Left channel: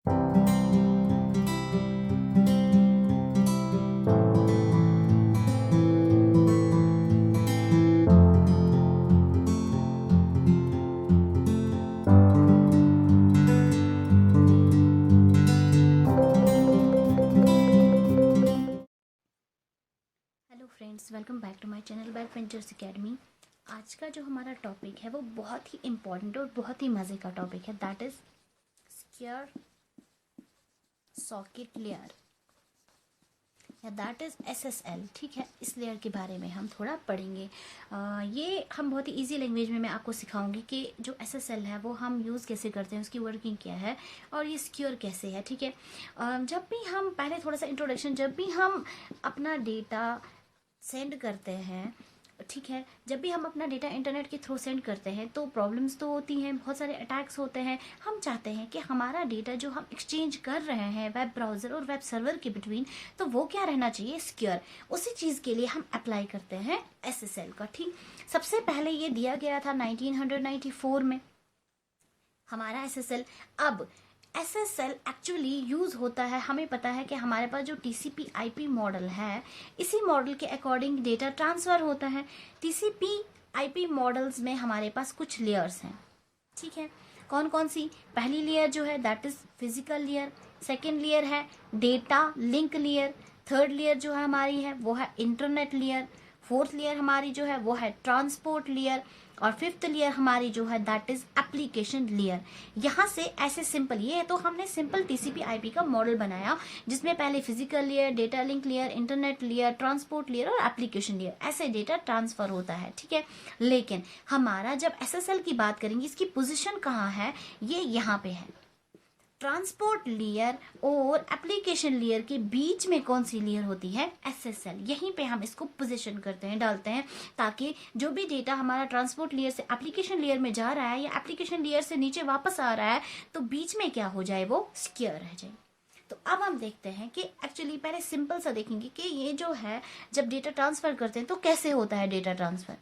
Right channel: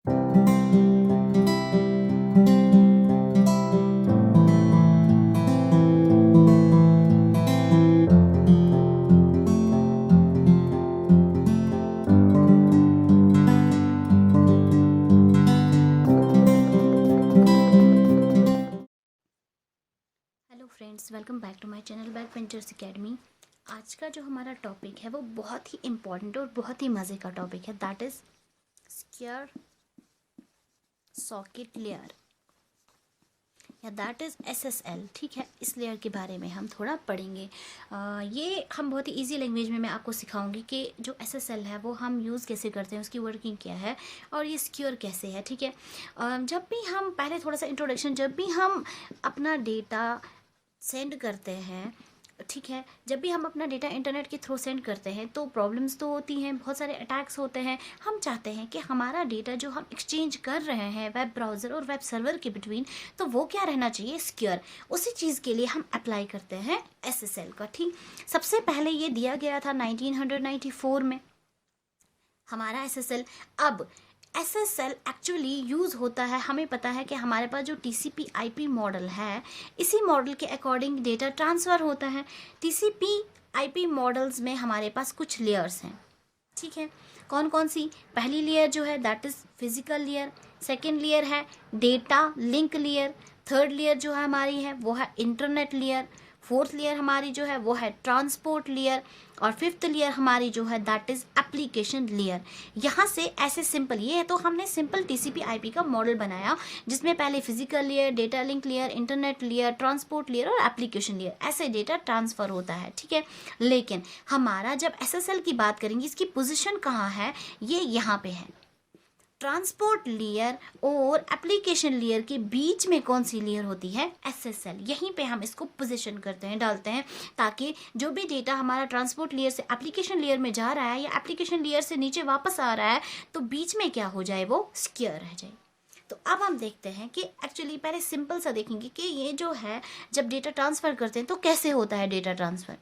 Hello friends, welcome back to my channel back ventures academy. आज का जो हमारा टॉपिक है वो बहुत ही इम्पॉर्टेंट और बहुत ही मज़े का टॉपिक है, that is square socket layer या दैट इज़ एसएसएल। ठीक है, इस लेयर के बारे में हम थोड़ा पढ़ेंगे। ये हम बहुत ही इजी लैंग्वेज में मैं आपको सिखाऊंगी कि जो एसएसएल है वो हम यूज़ कैसे करते हैं, उसकी वर्किंग क्या है और ये सिक्योर कैसे है। ठीक है, जब भी हम पहले थोड़ा सा इंट्रोडक्शन, जब भी हम अपना डेटा सेंड करते हैं, ठीक है, जब भी हम अपना डेटा इंटरनेट के थ्रू सेंड करते हैं तो प्रॉब्लम्स तो होती हैं, बहुत सारे अटैक्स होते हैं। हम चाहते हैं कि हमारा डेटा जो हम एक्सचेंज कर रहे हैं वेब ब्राउज़र और वेब सर्वर के बिटवीन, तो वो क्या रहना चाहिए, सिक्योर। उसी चीज़ के लिए हम अप्लाई करते हैं एसएसएल का। ठीक, सबसे पहले ये दिया गया था 1994 में हमारा एसएसएल। अब एसएसएल एक्चुअली यूज़ होता है, हमें पता है कि हमारे पास जो टीसीपी आईपी मॉडल है, इसी मॉडल के अकॉर्डिंग डेटा ट्रांसफ़र होता है। टीसीपी आईपी मॉडल्स में हमारे पास कुछ लेयर्स हैं। ठीक है, कौन कौन सी? पहली लेयर जो है that is physical layer, second layer है data link layer, third layer जो है हमारी है वो है इंटरनेट लेयर, फोर्थ लेयर हमारी जो है वो है ट्रांसपोर्ट लेयर, और फिफ्थ लेयर हमारी जो है दैट इज एप्लीकेशन लेयर। यहाँ से ऐसे सिंपल, ये है तो हमने सिंपल टीसीपी आईपी का मॉडल बनाया जिसमें पहले physical layer, data link layer, internet layer, transport layer और एप्लीकेशन लेयर, ऐसे डेटा ट्रांसफर होता है। ठीक है, लेकिन हमारा जब एसएसएल की बात करेंगे, इसकी पोजीशन कहाँ है, ये यहाँ पे है। ट्रांसपोर्ट लेयर और एप्लीकेशन लेयर के बीच में कौन सी लेयर होती है, एसएसएल। यहीं पे हम इसको पोजीशन करते हैं, डालते हैं, ताकि जो भी डेटा हमारा ट्रांसपोर्ट लेयर से एप्लीकेशन लेयर में जा रहा है या एप्लीकेशन लेयर से नीचे वापस आ रहा है तो बीच में क्या हो जाए, वो सिक्योर रह जाए। तो अब हम देखते हैं कि एक्चुअली पहले सिंपल सा देखेंगे कि ये जो है जब डेटा ट्रांसफर करते हैं तो कैसे होता है डेटा ट्रांसफर।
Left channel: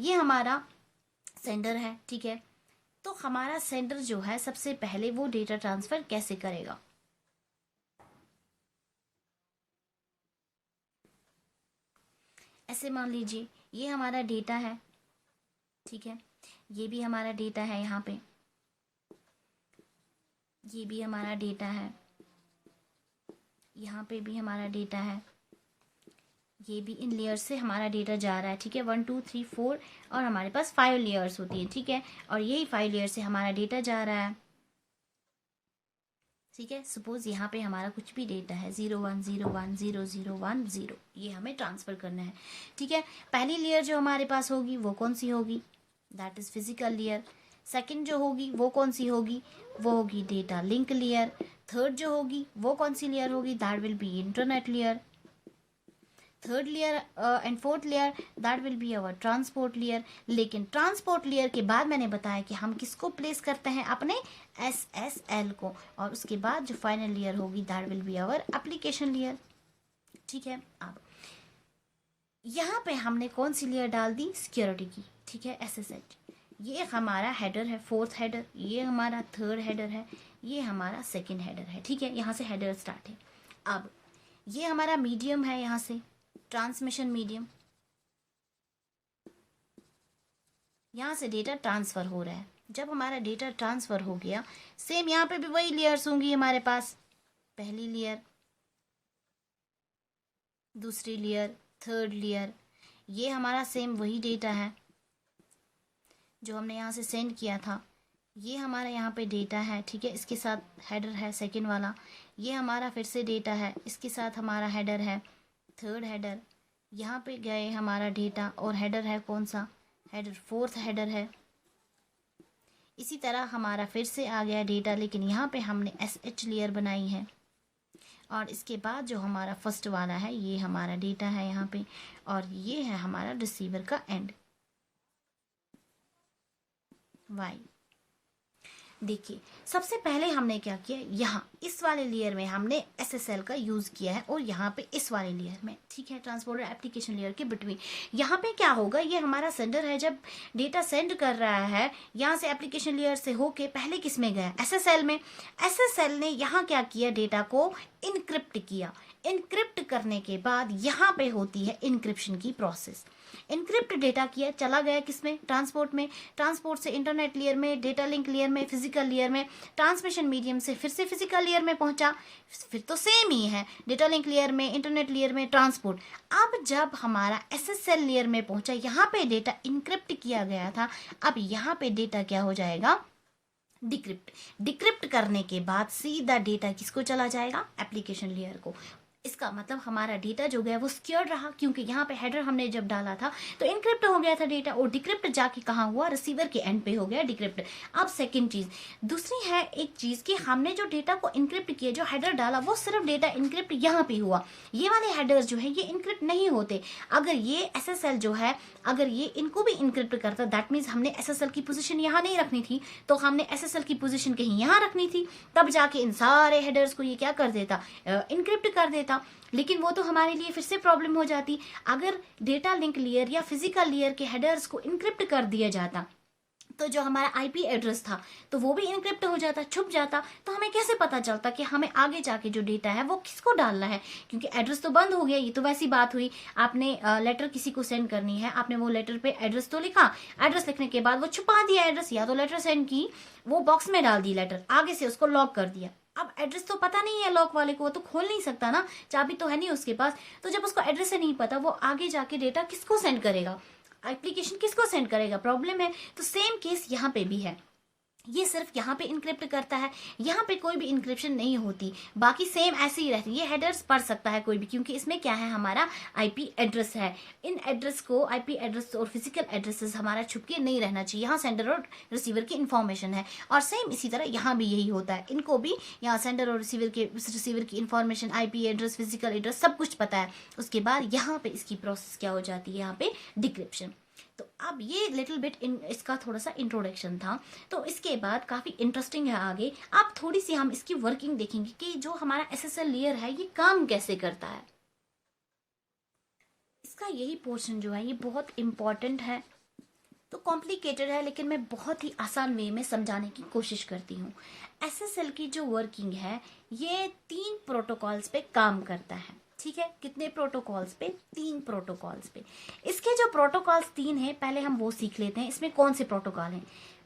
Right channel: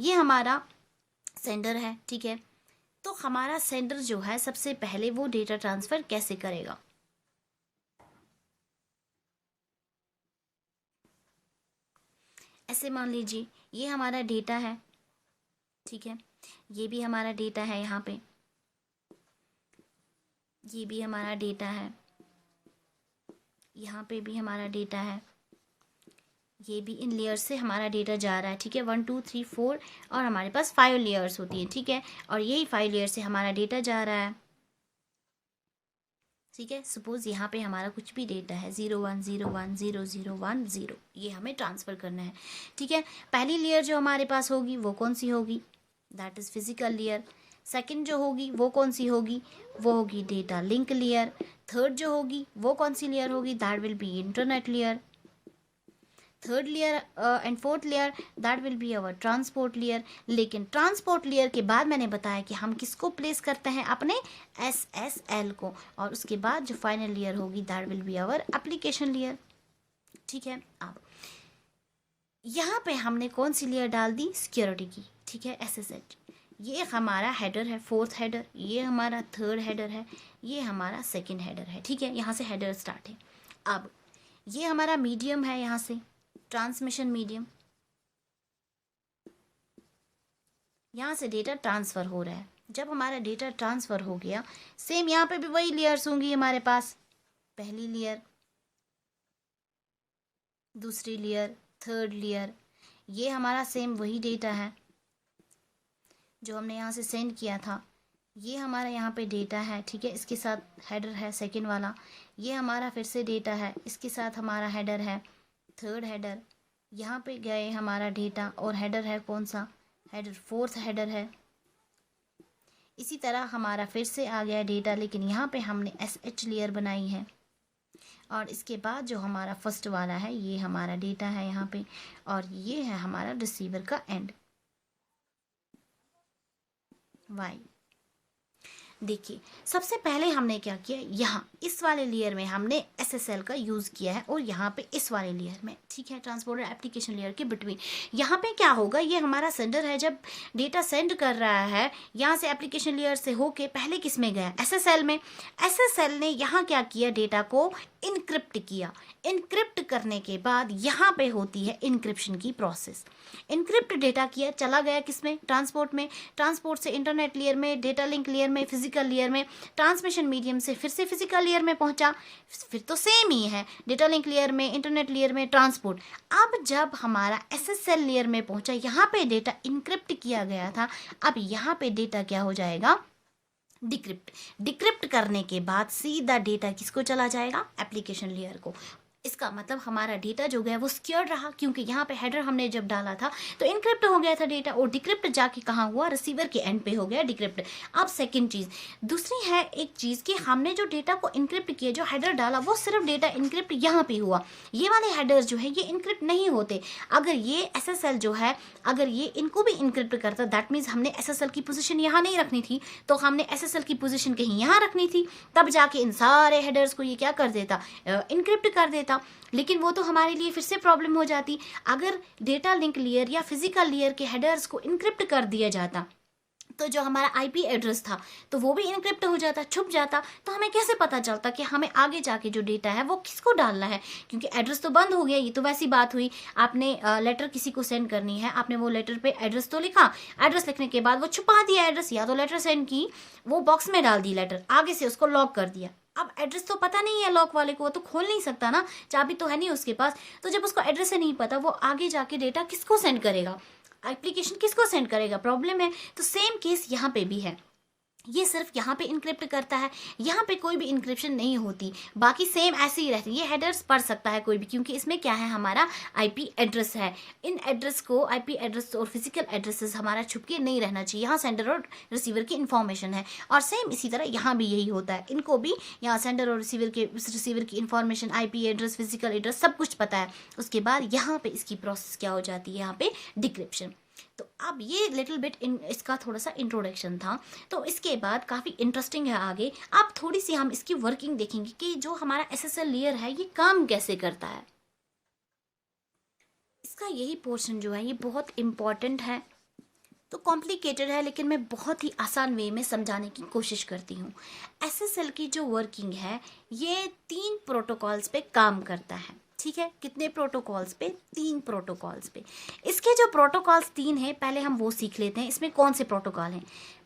ये हमारा सेंडर है, ठीक है, तो हमारा सेंडर जो है सबसे पहले वो डेटा ट्रांसफर कैसे करेगा। ऐसे मान लीजिए ये हमारा डेटा है, ठीक है, ये भी हमारा डेटा है, यहाँ पे ये भी हमारा डेटा है, यहाँ पे भी हमारा डेटा है, ये भी इन लेयर्स से हमारा डेटा जा रहा है। ठीक है, 1 2 3 4 और हमारे पास 5 लेयर्स होती हैं। ठीक है, और यही 5 लेयर से हमारा डेटा जा रहा है। ठीक है, सपोज यहाँ पे हमारा कुछ भी डेटा है 01010010, ये हमें ट्रांसफर करना है। ठीक है, पहली लेयर जो हमारे पास होगी वो कौन सी होगी, that is physical layer. Second जो होगी वो कौन सी होगी, वो होगी डेटा लिंक लेयर। थर्ड जो होगी वो कौन सी लेयर होगी, that will B internet layer. Third layer and fourth layer that will be our transport layer. लेकिन ट्रांसपोर्ट लेयर के बाद मैंने बताया कि हम किसको प्लेस करते हैं, अपने एसएसएल को, और उसके बाद जो फाइनल लेयर होगी that will be our application layer. ठीक है, अब यहाँ पे हमने कौन सी लेयर डाल दी, सिक्योरिटी की। ठीक है, एसएसएल, ये हमारा हेडर है, फोर्थ हेडर, ये हमारा थर्ड हेडर है, ये हमारा सेकेंड हेडर है। ठीक है, यहाँ से हेडर स्टार्ट है। अब ये हमारा मीडियम है, यहाँ से ट्रांसमिशन मीडियम, यहाँ से डेटा ट्रांसफर हो रहा है। जब हमारा डेटा ट्रांसफर हो गया, सेम यहाँ पे भी वही लेयर्स होंगी हमारे पास, पहली लेयर, दूसरी लेयर, थर्ड लेयर, ये हमारा सेम वही डेटा है जो हमने यहाँ से सेंड किया था। ये हमारा यहाँ पे डेटा है, ठीक है, इसके साथ हेडर है सेकेंड वाला। ये हमारा फिर से डेटा है, इसके साथ हमारा हेडर है, थर्ड हेडर। यहाँ पे गए हमारा डेटा और हेडर है कौन सा, हेडर फोर्थ हेडर है। इसी तरह हमारा फिर से आ गया डेटा, लेकिन यहाँ पे हमने एसएच लेयर बनाई है, और इसके बाद जो हमारा फर्स्ट वाला है ये हमारा डेटा है यहाँ पे, और ये है हमारा रिसीवर का एंड, वाई। देखिए, सबसे पहले हमने क्या किया, यहाँ इस वाले लेयर में हमने SSL का यूज किया है और यहाँ पे इस वाले लेयर में, ठीक है, ट्रांसपोर्टर एप्लीकेशन लेयर के बिटवीन। यहाँ पे क्या होगा, ये हमारा सेंडर है, जब डेटा सेंड कर रहा है यहाँ से एप्लीकेशन लेयर से होके पहले किस में गया, SSL में। SSL ने यहाँ क्या किया, डेटा को इनक्रिप्ट किया। इनक्रिप्ट करने के बाद यहाँ पे होती है इनक्रिप्शन की प्रोसेस। इनक्रिप्ट डेटा किया, चला गया किसमें, ट्रांसपोर्ट में। ट्रांसपोर्ट से इंटरनेट लेयर में, डेटा लिंक लेयर में, फिजिकल लेयर में, ट्रांसमिशन मीडियम से फिर से फिजिकल लेयर में पहुंचा। फिर तो सेम ही है, डेटा लिंक लेयर में, इंटरनेट लेयर में, ट्रांसपोर्ट। अब जब हमारा SSL लेयर में पहुंचा, यहाँ पे डेटा इनक्रिप्ट किया गया था, अब यहाँ पे डेटा क्या हो जाएगा, डिक्रिप्ट। डिक्रिप्ट करने के बाद सीधा डेटा किसको चला जाएगा, एप्लीकेशन लेयर को। इसका मतलब हमारा डेटा जो गया वो सिक्योर रहा, क्योंकि यहाँ पे हेडर हमने जब डाला था तो इनक्रिप्ट हो गया था डेटा, और डिक्रिप्ट जाके कहाँ हुआ, रिसीवर के एंड पे हो गया डिक्रिप्ट। अब सेकंड चीज, दूसरी है एक चीज कि हमने जो डेटा को इनक्रिप्ट किया, जो हेडर डाला, वो सिर्फ डेटा इनक्रिप्ट यहाँ पे हुआ। ये वाले हेडर्स जो है ये इनक्रिप्ट नहीं होते। अगर ये SSL जो है, अगर ये इनको भी इनक्रिप्ट करता, दैट मीन्स हमने SSL की पोजीशन यहाँ नहीं रखनी थी, तो हमने SSL की पोजीशन कहीं यहाँ रखनी थी, तब जाके इन सारे हेडर्स को ये क्या कर देता, इनक्रिप्ट कर देता। लेकिन वो तो हमारे लिए फिर से प्रॉब्लम हो जाती। अगर डेटा लिंक लेयर या फिजिकल लेयर के हेडर्स को इनक्रिप्ट कर दिया जाता, तो जो हमारा IP एड्रेस था तो वो भी इनक्रिप्ट हो जाता, छुप जाता। तो हमें कैसे पता चलता कि हमें आगे जाके जो डेटा है वो किसको डालना है, क्योंकि एड्रेस तो बंद हो गया। ये तो वैसी बात हुई, आपने लेटर किसी को सेंड करनी है, आपने वो लेटर पे एड्रेस तो लिखा, एड्रेस लिखने के बाद वो छुपा दिया एड्रेस, या तो लेटर सेंड की, वो बॉक्स में डाल दी लेटर, आगे से उसको लॉक कर दिया। अब एड्रेस तो पता नहीं है लॉक वाले को, वो तो खोल नहीं सकता ना, चाबी तो है नहीं उसके पास। तो जब उसको एड्रेस ही नहीं पता, वो आगे जाके डेटा किसको सेंड करेगा, एप्लीकेशन किसको सेंड करेगा, प्रॉब्लम है। तो सेम केस यहाँ पे भी है, ये सिर्फ यहाँ पे इनक्रिप्ट करता है, यहाँ पे कोई भी इनक्रिप्शन नहीं होती, बाकी सेम ऐसे ही रहती है। ये हेडर्स पढ़ सकता है कोई भी, क्योंकि इसमें क्या है, हमारा IP एड्रेस है। इन एड्रेस को, IP एड्रेस और फिजिकल एड्रेसेस हमारा छुपके नहीं रहना चाहिए, यहाँ सेंडर और रिसीवर की इन्फॉर्मेशन है। और सेम इसी तरह यहाँ भी यही होता है, इनको भी यहाँ सेंडर और रिसीवर की information, IP address, physical address सब कुछ पता है। उसके बाद यहाँ पे इसकी प्रोसेस क्या हो जाती है, यहाँ पे डिक्रिप्शन। तो अब ये लिटिल बिट इसका थोड़ा सा इंट्रोडक्शन था। तो इसके बाद काफी इंटरेस्टिंग है आगे, अब थोड़ी सी हम इसकी वर्किंग देखेंगे कि जो हमारा SSL लेयर है ये काम कैसे करता है। इसका यही पोर्शन जो है ये बहुत इंपॉर्टेंट है, तो कॉम्प्लिकेटेड है, लेकिन मैं बहुत ही आसान वे में समझाने की कोशिश करती हूँ। SSL की जो वर्किंग है ये 3 प्रोटोकॉल्स पे काम करता है, ठीक है। कितने प्रोटोकॉल्स पे, 3 प्रोटोकॉल्स पे। इसके जो प्रोटोकॉल्स 3 हैं, पहले हम वो सीख लेते हैं। इसमें कौन से प्रोटोकॉल हैं।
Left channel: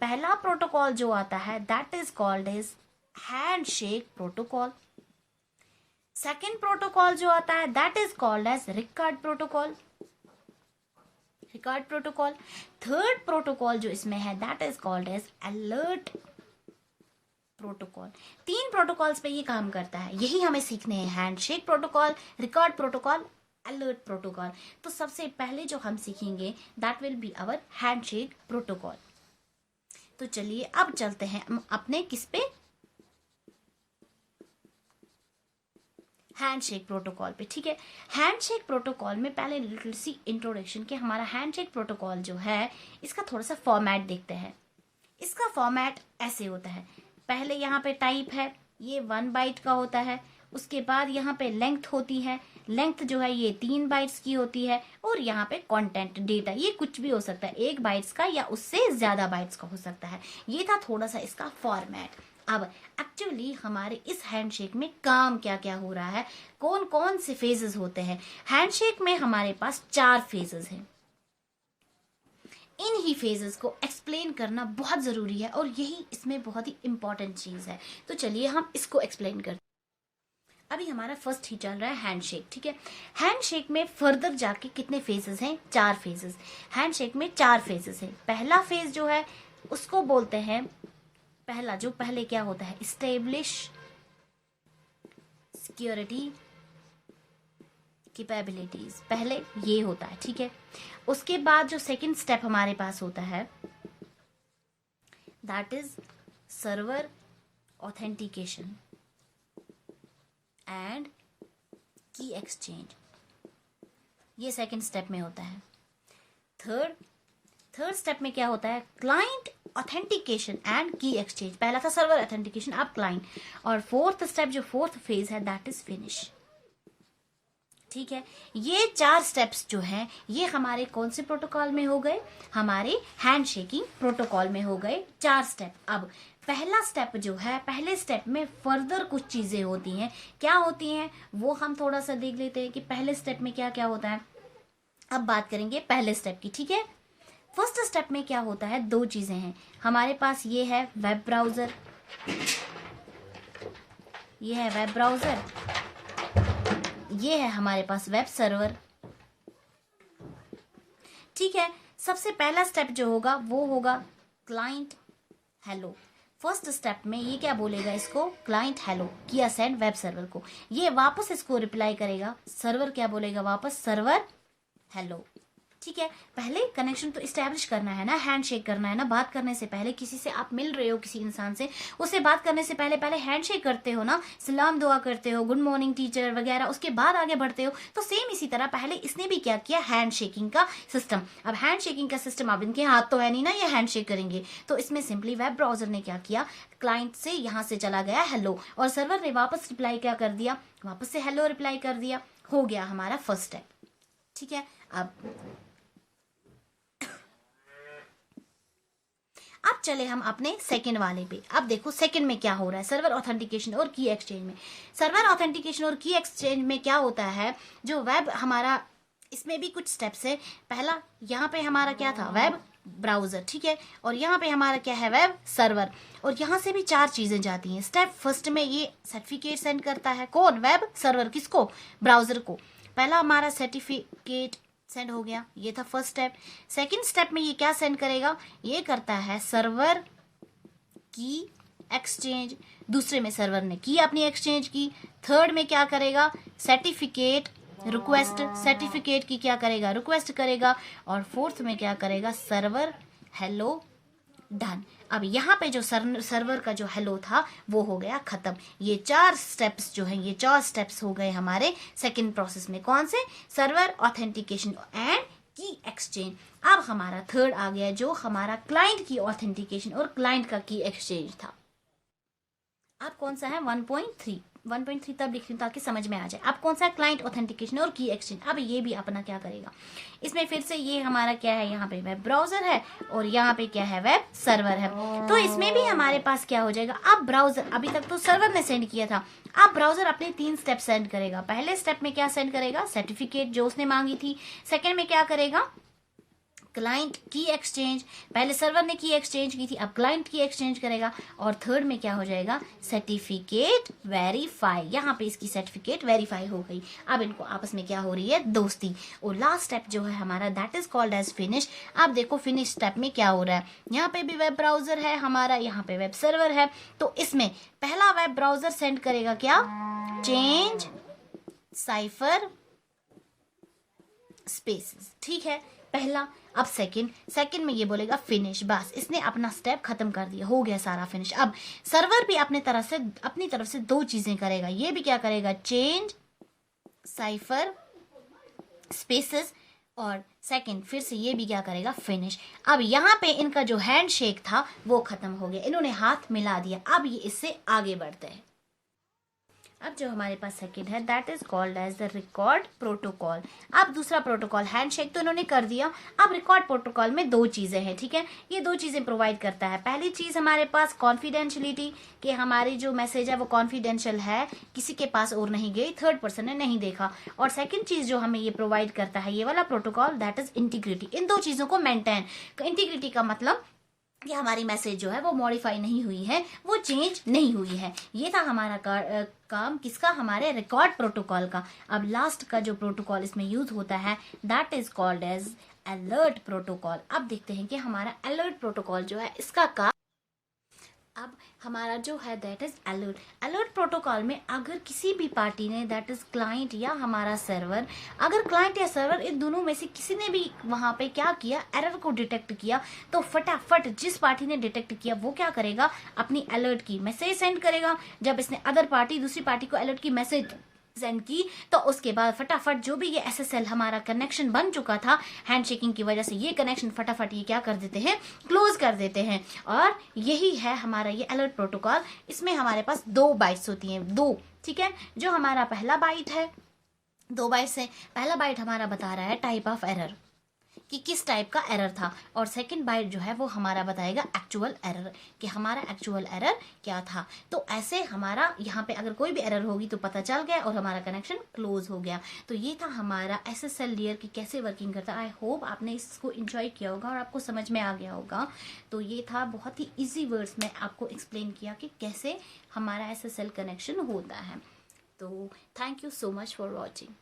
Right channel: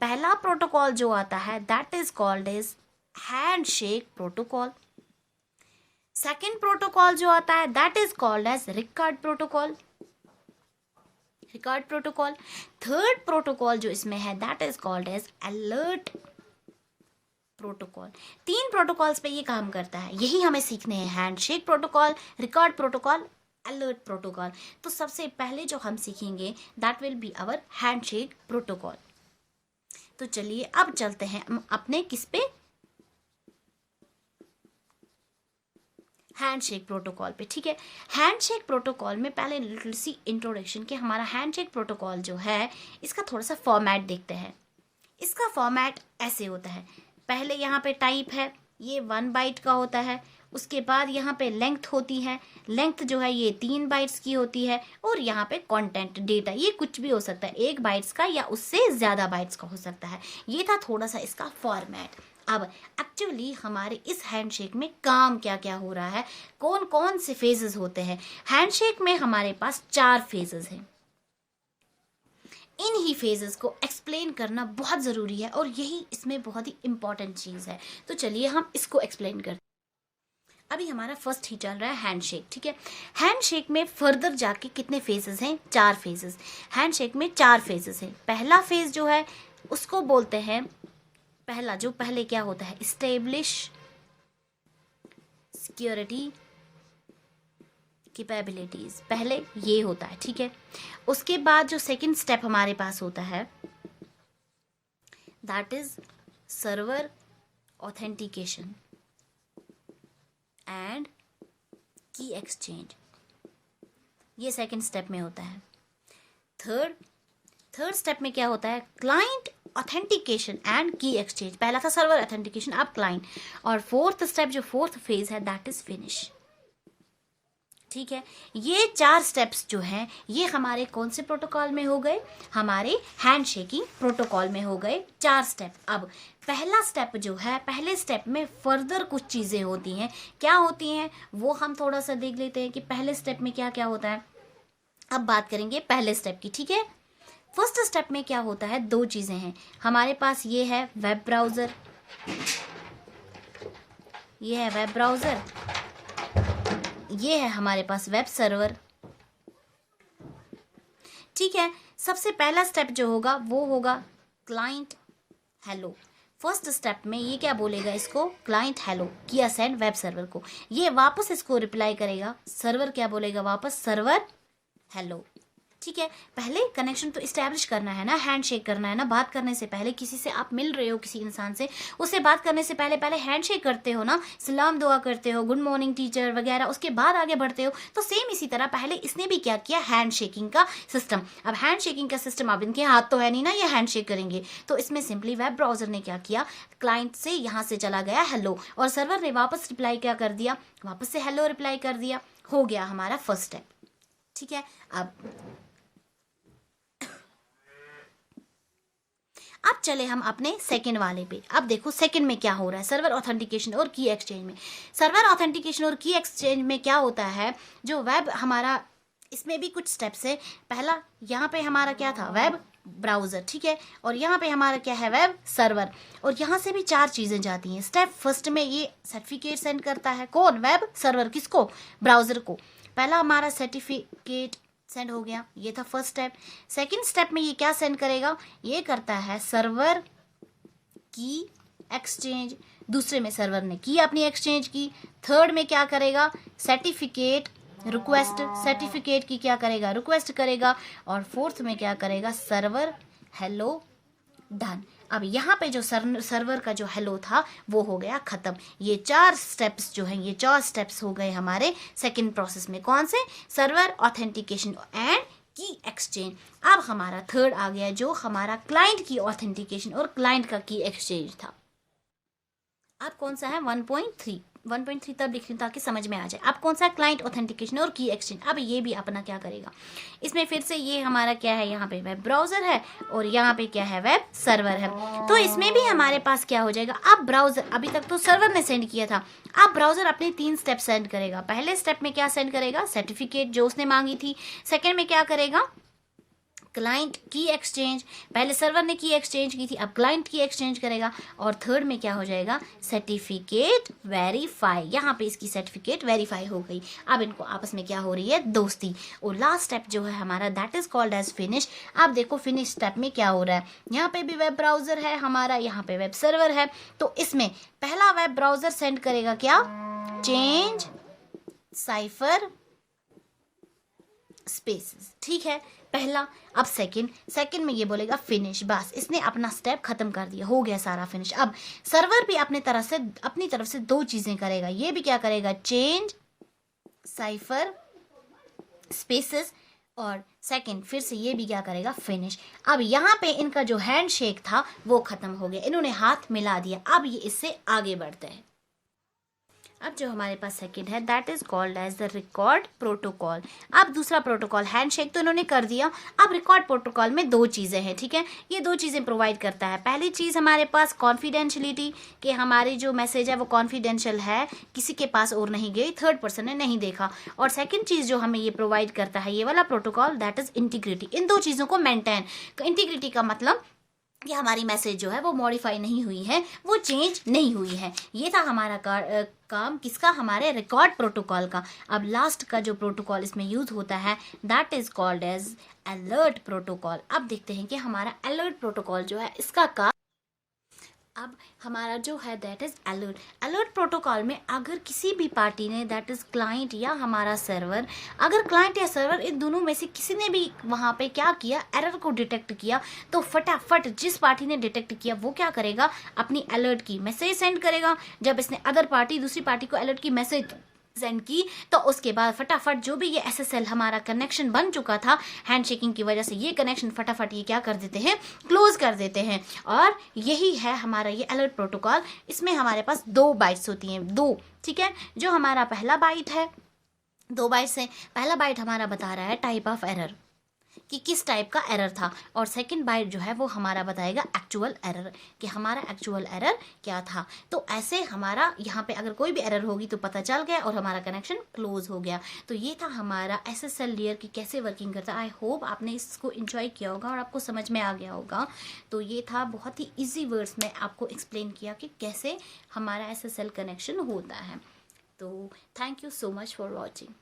पहला प्रोटोकॉल जो आता है that is called as handshake protocol. Second protocol जो आता है दैट इज कॉल्ड एज record protocol, record protocol. Third protocol जो इसमें है that is called as alert protocol. 3 protocols पे ये काम करता है, यही हमें सीखने हैं, handshake protocol, record protocol, alert protocol. तो सबसे पहले जो हम सीखेंगे that will be our handshake protocol. तो चलिए अब चलते हैं अपने किस पे, हैंडशेक प्रोटोकॉल पे, ठीक है। हैंडशेक प्रोटोकॉल में पहले लिटिल सी इंट्रोडक्शन कि हमारा हैंडशेक प्रोटोकॉल जो है इसका थोड़ा सा फॉर्मेट देखते हैं। इसका फॉर्मेट ऐसे होता है, पहले यहाँ पे टाइप है, ये 1 बाइट का होता है। उसके बाद यहाँ पे लेंथ होती है, लेंथ जो है ये 3 बाइट्स की होती है। और यहाँ पे कंटेंट डेटा, ये कुछ भी हो सकता है, 1 बाइट्स का या उससे ज्यादा बाइट्स का हो सकता है। ये था थोड़ा सा इसका फॉर्मेट। अब एक्चुअली हमारे इस हैंडशेक में काम क्या क्या हो रहा है, कौन कौन से फेजेस होते हैं। हैंडशेक में हमारे पास 4 फेजेस हैं। इन ही फेजेस को एक्सप्लेन करना बहुत जरूरी है और यही इसमें बहुत ही इंपॉर्टेंट चीज है। तो चलिए हम इसको एक्सप्लेन करते हैं। अभी हमारा फर्स्ट ही चल रहा है हैंडशेक, ठीक है। हैंडशेक में फर्दर जाके कितने फेजेस हैं, 4 फेजेस। हैंडशेक में 4 फेजेस हैं। पहला फेज जो है उसको बोलते हैं, पहले क्या होता है, इस्टेब्लिश सिक्योरिटी कैपेबिलिटीज, पहले ये होता है, ठीक है। उसके बाद जो सेकंड स्टेप हमारे पास होता है that is server authentication and की एक्सचेंज, ये सेकंड स्टेप में होता है। थर्ड थर्ड स्टेप में क्या होता है, क्लाइंट ऑथेंटिकेशन एंड की एक्सचेंज। पहला था सर्वर ऑथेंटिकेशन, अब क्लाइंट। और फोर्थ स्टेप जो फोर्थ फेज है दैट इज फिनिश। ठीक है, ये 4 स्टेप्स जो हैं ये हमारे कौन से प्रोटोकॉल में हो गए, हमारे हैंडशेकिंग प्रोटोकॉल में हो गए 4 स्टेप। अब पहला स्टेप जो है, पहले स्टेप में फर्दर कुछ चीजें होती हैं। क्या होती हैं वो हम थोड़ा सा देख लेते हैं कि पहले स्टेप में क्या क्या होता है। अब बात करेंगे पहले स्टेप की। ठीक है, फर्स्ट स्टेप में क्या होता है, 2 चीजें हैं हमारे पास। ये है वेब ब्राउजर, ये है वेब ब्राउजर, ये है हमारे पास वेब सर्वर। ठीक है, सबसे पहला स्टेप जो होगा वो होगा क्लाइंट हेलो। फर्स्ट स्टेप में ये क्या बोलेगा, इसको क्लाइंट हेलो किया सेंड वेब सर्वर को, ये वापस इसको रिप्लाई करेगा, सर्वर क्या बोलेगा वापस, सर्वर हेलो। ठीक है, पहले कनेक्शन तो इस्टेब्लिश करना है ना, हैंडशेक करना है ना। बात करने से पहले किसी से आप मिल रहे हो, किसी इंसान से, उससे बात करने से पहले पहले हैंडशेक करते हो ना, सलाम दुआ करते हो, गुड मॉर्निंग टीचर वगैरह, उसके बाद आगे बढ़ते हो। तो सेम इसी तरह पहले इसने भी क्या किया, हैंडशेकिंग का सिस्टम। अब हैंडशेकिंग का सिस्टम, अब इनके हाथ तो है नहीं ना ये हैंडशेक करेंगे, तो इसमें सिंपली वेब ब्राउजर ने क्या किया, क्लाइंट से यहां से चला गया हेलो, और सर्वर ने वापस रिप्लाई क्या कर दिया, वापस से हेलो रिप्लाई कर दिया। हो गया हमारा फर्स्ट स्टेप। ठीक है, अब चले हम अपने सेकंड वाले पे। अब देखो सेकंड में क्या हो रहा है, सर्वर ऑथेंटिकेशन और की एक्सचेंज में। सर्वर ऑथेंटिकेशन और की एक्सचेंज में क्या होता है, जो वेब हमारा, इसमें भी कुछ स्टेप्स है। पहला यहाँ पे हमारा क्या था, वेब ब्राउजर। ठीक है, और यहाँ पे हमारा क्या है, वेब सर्वर। और यहाँ से भी 4 चीजें जाती हैं। स्टेप फर्स्ट में ये सर्टिफिकेट सेंड करता है, कौन, वेब सर्वर, किसको, ब्राउजर को। पहला हमारा सर्टिफिकेट सेंड हो गया, ये था फर्स्ट स्टेप। सेकंड स्टेप में ये क्या सेंड करेगा, ये करता है सर्वर की एक्सचेंज, दूसरे में सर्वर ने की अपनी एक्सचेंज की। थर्ड में क्या करेगा, सर्टिफिकेट रिक्वेस्ट, सर्टिफिकेट की क्या करेगा, रिक्वेस्ट करेगा। और फोर्थ में क्या करेगा, सर्वर हेलो डन। अब यहाँ पे जो सर्वर का जो हेलो था वो हो गया खत्म। ये 4 स्टेप्स जो हैं, ये 4 स्टेप्स हो गए हमारे सेकंड प्रोसेस में। कौन से, सर्वर ऑथेंटिकेशन एंड की एक्सचेंज। अब हमारा थर्ड आ गया जो हमारा क्लाइंट की ऑथेंटिकेशन और क्लाइंट का की एक्सचेंज था। अब कौन सा है, 1.3 तब लिख रही हूँ ताकि समझ में आ जाए। अब कौन सा, क्लाइंट ऑथेंटिकेशन और की एक्सचेंज। अब ये भी अपना क्या करेगा, इसमें फिर से ये हमारा क्या है, यहाँ पे वेब ब्राउजर है और यहाँ पे क्या है, वेब सर्वर है। तो इसमें भी हमारे पास क्या हो जाएगा, अब ब्राउजर, अभी तक तो सर्वर ने सेंड किया था, अब ब्राउजर अपने 3 स्टेप सेंड करेगा। पहले स्टेप में क्या सेंड करेगा, सर्टिफिकेट जो उसने मांगी थी। सेकेंड में क्या करेगा, क्लाइंट की एक्सचेंज, पहले सर्वर ने की एक्सचेंज की थी, अब क्लाइंट की एक्सचेंज करेगा। और थर्ड में क्या हो जाएगा, सर्टिफिकेट वेरीफाई, यहाँ पे इसकी सर्टिफिकेट वेरीफाई हो गई। अब इनको आपस में क्या हो रही है, दोस्ती। और लास्ट स्टेप जो है हमारा that is called as finish. अब देखो फिनिश स्टेप में क्या हो रहा है, यहाँ पे भी वेब ब्राउजर है हमारा, यहाँ पे वेब सर्वर है। तो इसमें पहला वेब ब्राउजर सेंड करेगा क्या, चेंज साइफर स्पेसेस। ठीक है, पहला। अब सेकंड में ये बोलेगा फिनिश, बस इसने अपना स्टेप खत्म कर दिया, हो गया सारा फिनिश। अब सर्वर भी अपनी तरफ से 2 चीजें करेगा, ये भी क्या करेगा, चेंज साइफर स्पेसेस, और सेकंड फिर से ये भी क्या करेगा, फिनिश। अब यहाँ पे इनका जो हैंडशेक था वो खत्म हो गया, इन्होंने हाथ मिला दिया। अब ये इससे आगे बढ़ते हैं। अब जो हमारे पास सेकंड है that is called as the record protocol. अब दूसरा प्रोटोकॉल, हैंडशेक तो इन्होंने कर दिया, अब रिकॉर्ड प्रोटोकॉल में 2 चीजें हैं। ठीक है, ये 2 चीजें प्रोवाइड करता है। पहली चीज हमारे पास कॉन्फिडेंशियलिटी, कि हमारी जो मैसेज है वो कॉन्फिडेंशियल है, किसी के पास और नहीं गई, थर्ड पर्सन ने नहीं देखा। और सेकंड चीज जो हमें ये प्रोवाइड करता है ये वाला प्रोटोकॉल दैट इज इंटीग्रिटी। इन 2 चीजों को मेंटेन, इंटीग्रिटी का मतलब कि हमारी मैसेज जो है वो मॉडिफाई नहीं हुई है, वो चेंज नहीं हुई है। ये था हमारा काम किसका, हमारे रिकॉर्ड प्रोटोकॉल का। अब लास्ट का जो प्रोटोकॉल इसमें यूज होता है that is called as alert protocol. अब देखते हैं कि हमारा अलर्ट प्रोटोकॉल जो है इसका काम, अब हमारा जो है दैट इज अलर्ट प्रोटोकॉल में अगर किसी भी पार्टी ने दैट इज क्लाइंट या हमारा सर्वर, अगर क्लाइंट या सर्वर इन दोनों में से किसी ने भी वहां पे क्या किया, एरर को डिटेक्ट किया, तो फटाफट जिस पार्टी ने डिटेक्ट किया वो क्या करेगा, अपनी अलर्ट की मैसेज सेंड करेगा। जब इसने अदर पार्टी, दूसरी पार्टी को अलर्ट की मैसेज सेंड की, तो उसके बाद फटाफट जो भी ये SSL हमारा कनेक्शन बन चुका था हैंडशेकिंग की वजह से, ये कनेक्शन फटाफट ये क्या कर देते हैं, क्लोज कर देते हैं। और यही है हमारा ये अलर्ट प्रोटोकॉल। इसमें हमारे पास 2 बाइट्स होती हैं, 2, ठीक है। जो हमारा पहला बाइट है, 2 बाइट्स है। पहला बाइट हमारा बता रहा है टाइप ऑफ एरर, कि किस टाइप का एरर था, और सेकंड बाइट जो है वो हमारा बताएगा एक्चुअल एरर, कि हमारा एक्चुअल एरर क्या था। तो ऐसे हमारा यहाँ पे अगर कोई भी एरर होगी तो पता चल गया और हमारा कनेक्शन क्लोज हो गया। तो ये था हमारा SSL लेयर की कैसे वर्किंग करता है। आई होप आपने इसको एंजॉय किया होगा और आपको समझ में आ गया होगा। तो ये था बहुत ही ईजी वर्ड्स में आपको एक्सप्लेन किया कि कैसे हमारा SSL कनेक्शन होता है। तो thank you so much for watching.